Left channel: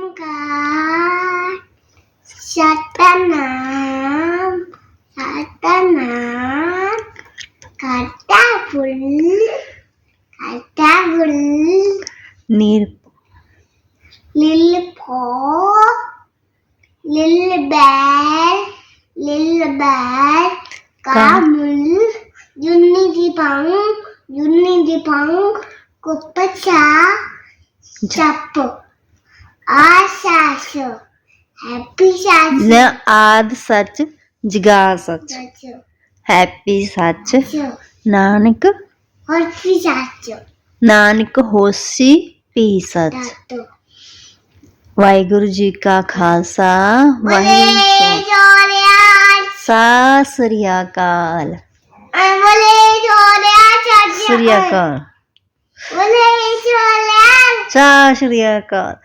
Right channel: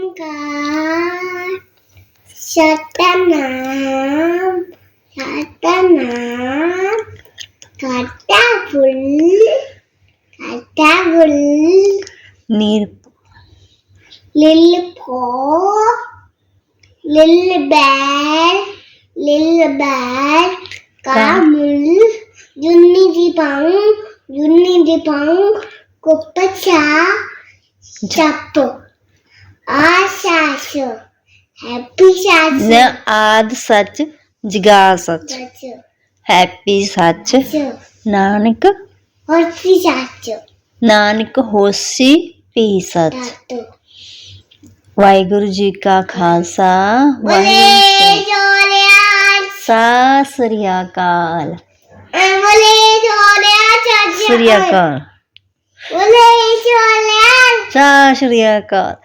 God. சத்தனாம் சத்தனாம் கடவுள் கடவுள் நீர் லில்லு போ லில்லு பேர் லில்லு பேர் காமுல் யுன்னி தீபம் யுன்னி தீபம் குப்பச்சா சப்பு. ਦੀ ਪੰਗ ਕੁੱਪਚਾ ਚੱਪ ਆਸ਼ਾਸ਼ ਹੈਪੀ ਸ਼ਾਸ਼ ന ਆਦ ਸੱਚ ਜਗਾ ਸੱਚ ਹੈਪੀ ਸੱਚ ਨਾਨਕ ਹੋਸੀ ਸ਼ਾਸ਼ ਨਾਨਕ ਹੋਸੀ ਪੀ ਸੱਚ ਤਾਤੋ ਵਾਹਿਗੁਰੂ ਜੀ ਕਾ ਖਾਲਸਾ ਬਲੇ ਵਾਹਿਗੁਰੂ ਜੋਰਿਆ ਸਤਿ ਸ੍ਰੀ ਅਕਾਲ ਬਲੇ ਜੋਰਿਆ ਚੱਜ ਸ੍ਰੀ ਅਕਾਲ ਬਲੇ ਜੋਰਿਆ ਸਤਿ ਸ੍ਰੀ ਅਕਾਲ